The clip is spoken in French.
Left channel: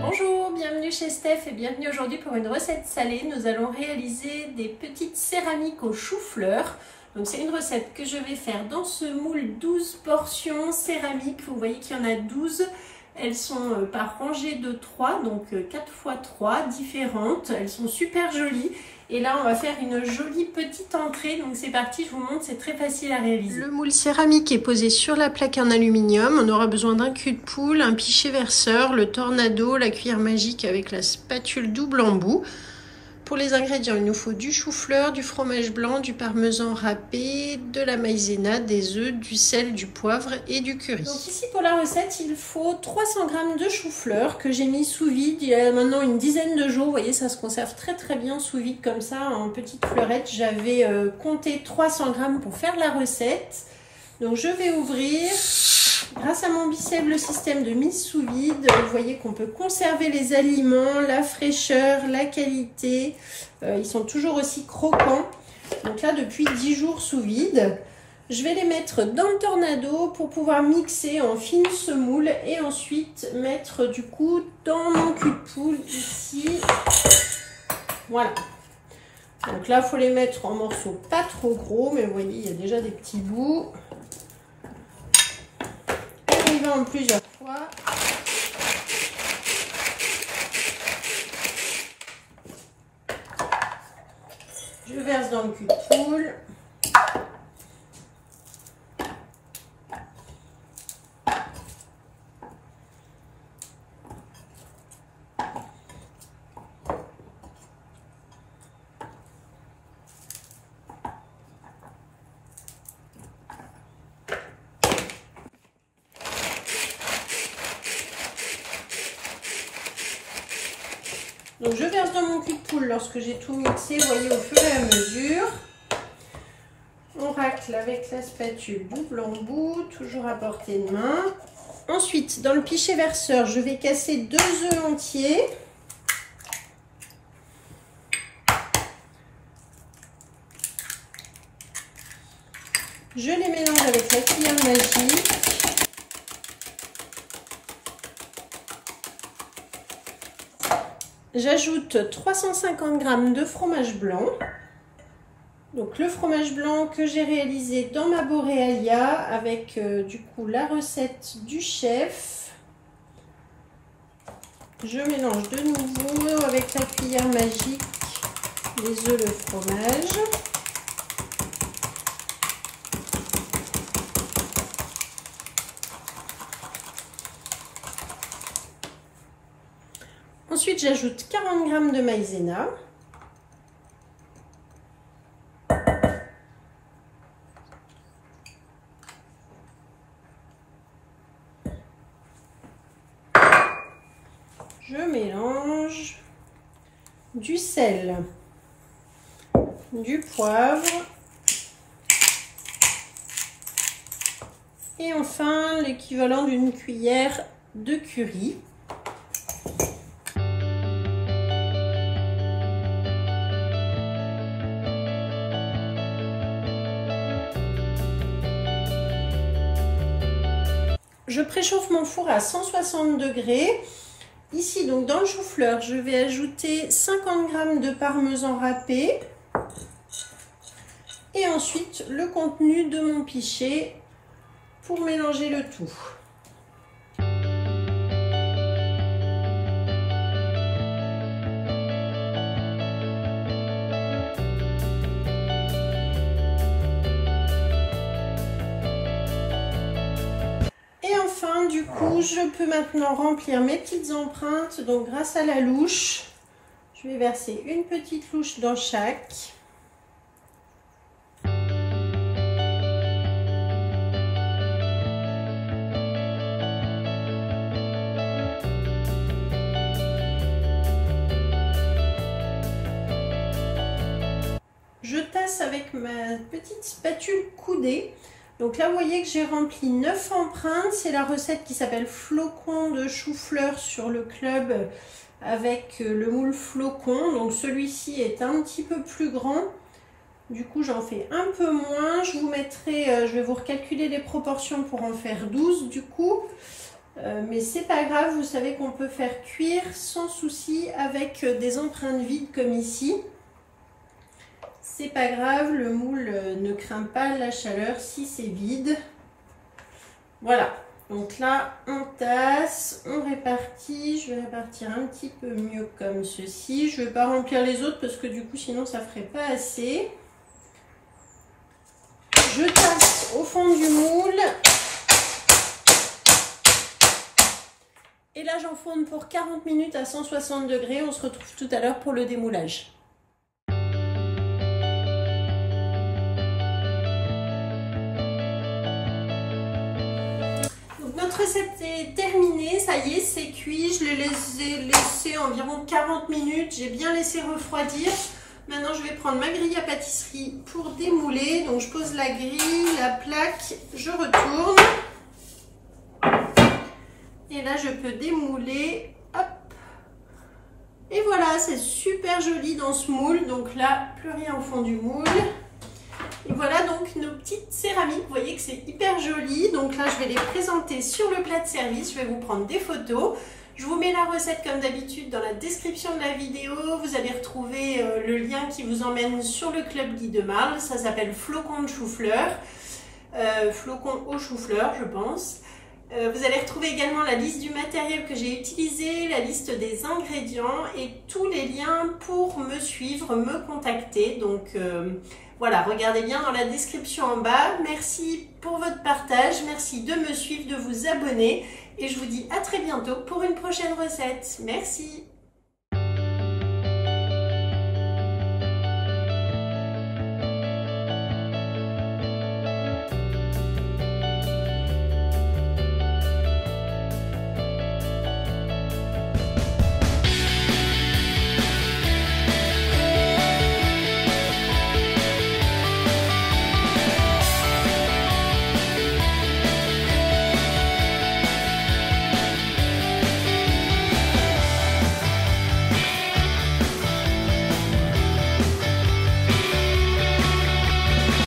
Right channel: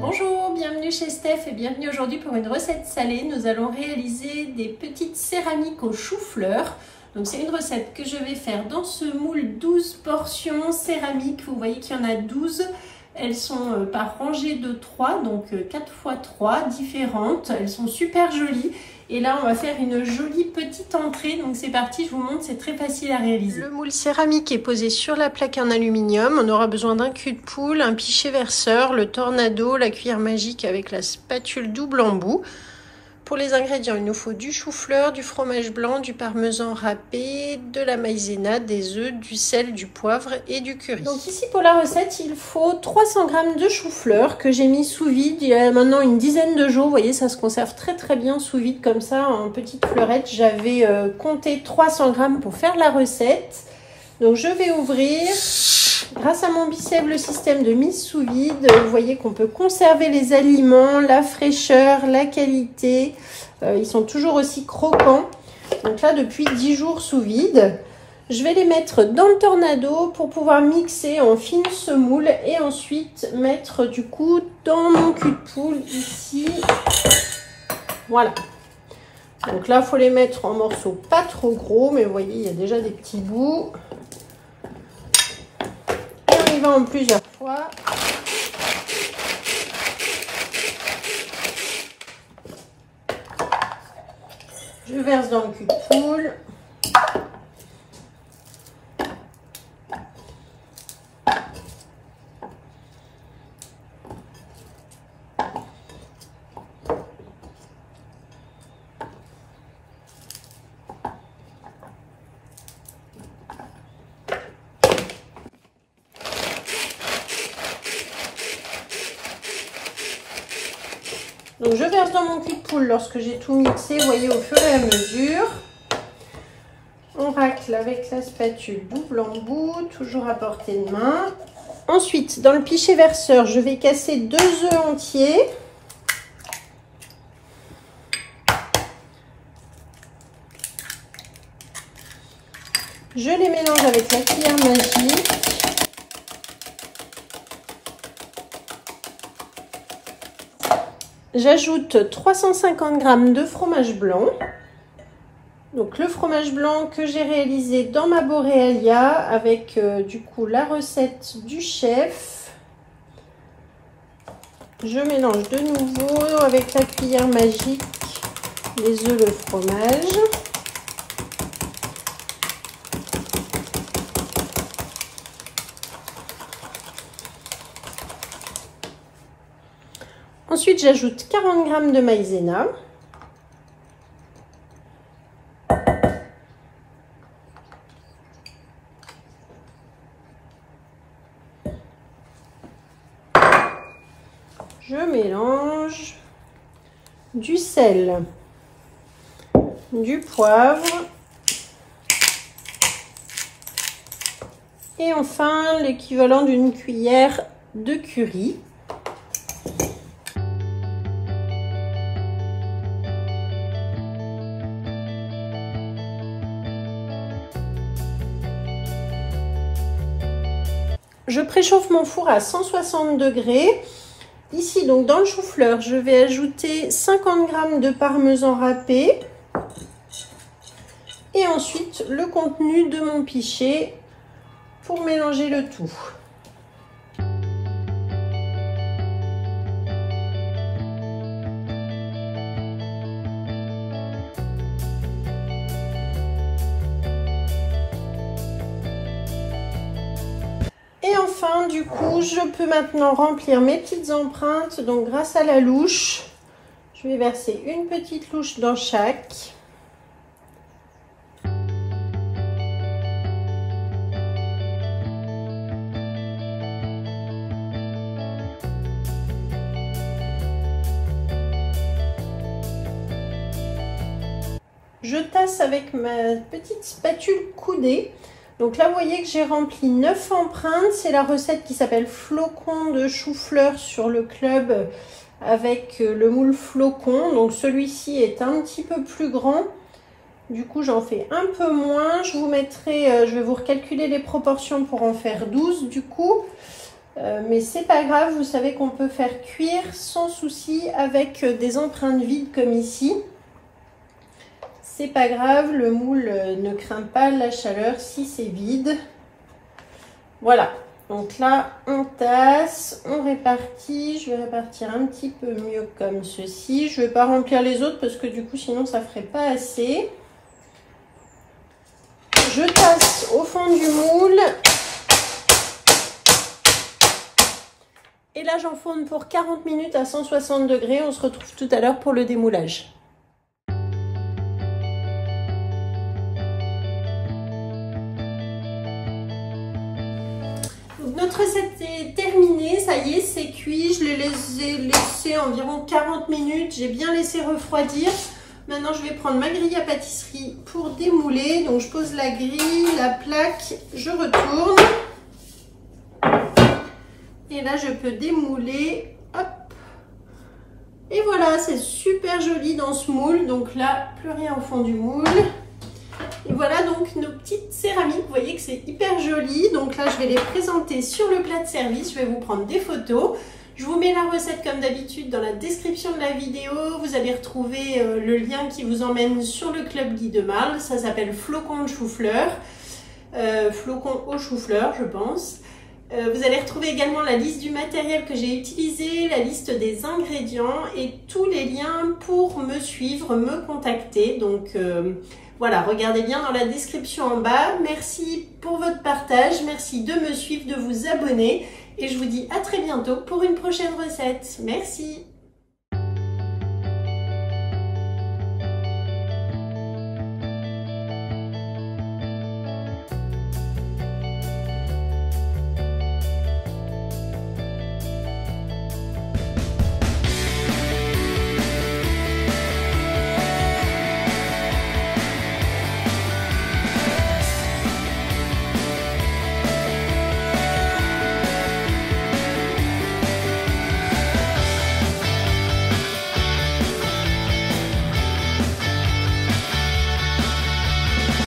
Bonjour, bienvenue chez Steph et bienvenue aujourd'hui pour une recette salée. Nous allons réaliser des petites céramiques au chou-fleur. Donc c'est une recette que je vais faire dans ce moule 12 portions céramiques. Vous voyez qu'il y en a 12. Elles sont par rangée de 3, donc 4 x 3 différentes. Elles sont super jolies. Et là, on va faire une jolie petite entrée. Donc c'est parti, je vous montre, c'est très facile à réaliser. Le moule céramique est posé sur la plaque en aluminium. On aura besoin d'un cul de poule, un pichet verseur, le tornado, la cuillère magique avec la spatule double embout. Pour les ingrédients, il nous faut du chou-fleur, du fromage blanc, du parmesan râpé, de la maïzena, des œufs, du sel, du poivre et du curry. Donc ici pour la recette, il faut 300 g de chou-fleur que j'ai mis sous vide il y a maintenant une dizaine de jours. Vous voyez, ça se conserve très bien sous vide comme ça en petites fleurettes. J'avais compté 300 g pour faire la recette. Donc je vais ouvrir. Grâce à mon bicep, le système de mise sous vide, vous voyez qu'on peut conserver les aliments, la fraîcheur, la qualité. Ils sont toujours aussi croquants. Donc là, depuis 10 jours sous vide, je vais les mettre dans le tornado pour pouvoir mixer en fine semoule et ensuite mettre du coup dans mon cul de poule ici. Voilà. Donc là, il faut les mettre en morceaux pas trop gros, mais vous voyez, il y a déjà des petits bouts. On y va en plusieurs fois. Je verse dans le cul de poule. Donc je verse dans mon cul de poule lorsque j'ai tout mixé, vous voyez, au fur et à mesure. On racle avec la spatule double embout, toujours à portée de main. Ensuite, dans le pichet verseur, je vais casser 2 œufs entiers. Je les mélange avec la cuillère magique. J'ajoute 350 g de fromage blanc. Donc le fromage blanc que j'ai réalisé dans ma Borealia avec du coup la recette du chef. Je mélange de nouveau avec la cuillère magique les œufs, le fromage. Ensuite, j'ajoute 40 g de maïzena. Je mélange du sel, du poivre et enfin l'équivalent d'une cuillère de curry. Je préchauffe mon four à 160 degrés. Ici, donc dans le chou-fleur, je vais ajouter 50 g de parmesan râpé. Et ensuite, le contenu de mon pichet pour mélanger le tout. Enfin, du coup, je peux maintenant remplir mes petites empreintes. Donc, grâce à la louche, je vais verser une petite louche dans chaque. Je tasse avec ma petite spatule coudée. Donc là, vous voyez que j'ai rempli 9 empreintes. C'est la recette qui s'appelle flocon de chou-fleur sur le club avec le moule flocon. Donc celui-ci est un petit peu plus grand. Du coup, j'en fais un peu moins. Je vous mettrai, je vais vous recalculer les proportions pour en faire 12 du coup. Mais c'est pas grave, vous savez qu'on peut faire cuire sans souci avec des empreintes vides comme ici. C'est pas grave, le moule ne craint pas la chaleur si c'est vide. Voilà, donc là on tasse, on répartit. Je vais répartir un petit peu mieux comme ceci. Je vais pas remplir les autres parce que du coup sinon ça ferait pas assez. Je tasse au fond du moule. Et là, j'enfourne pour 40 minutes à 160 degrés. On se retrouve tout à l'heure pour le démoulage. Donc, notre recette est terminée. Ça y est, c'est cuit. Je l'ai laissé environ 40 minutes. J'ai bien laissé refroidir. Maintenant, je vais prendre ma grille à pâtisserie pour démouler. Donc, je pose la grille, la plaque, je retourne. Et là, je peux démouler. Hop. Et voilà, c'est super joli dans ce moule. Donc là, plus rien au fond du moule. Et voilà donc nos petites céramiques. Vous voyez que c'est hyper joli. Donc là, je vais les présenter sur le plat de service. Je vais vous prendre des photos. Je vous mets la recette comme d'habitude dans la description de la vidéo. Vous allez retrouver le lien qui vous emmène sur le club Guy de Marle. Ça s'appelle Flocons de chou-fleur. Flocons au chou-fleur, je pense. Vous allez retrouver également la liste du matériel que j'ai utilisé, la liste des ingrédients et tous les liens pour me suivre, me contacter. Donc voilà, regardez bien dans la description en bas. Merci pour votre partage, merci de me suivre, de vous abonner et je vous dis à très bientôt pour une prochaine recette. Merci.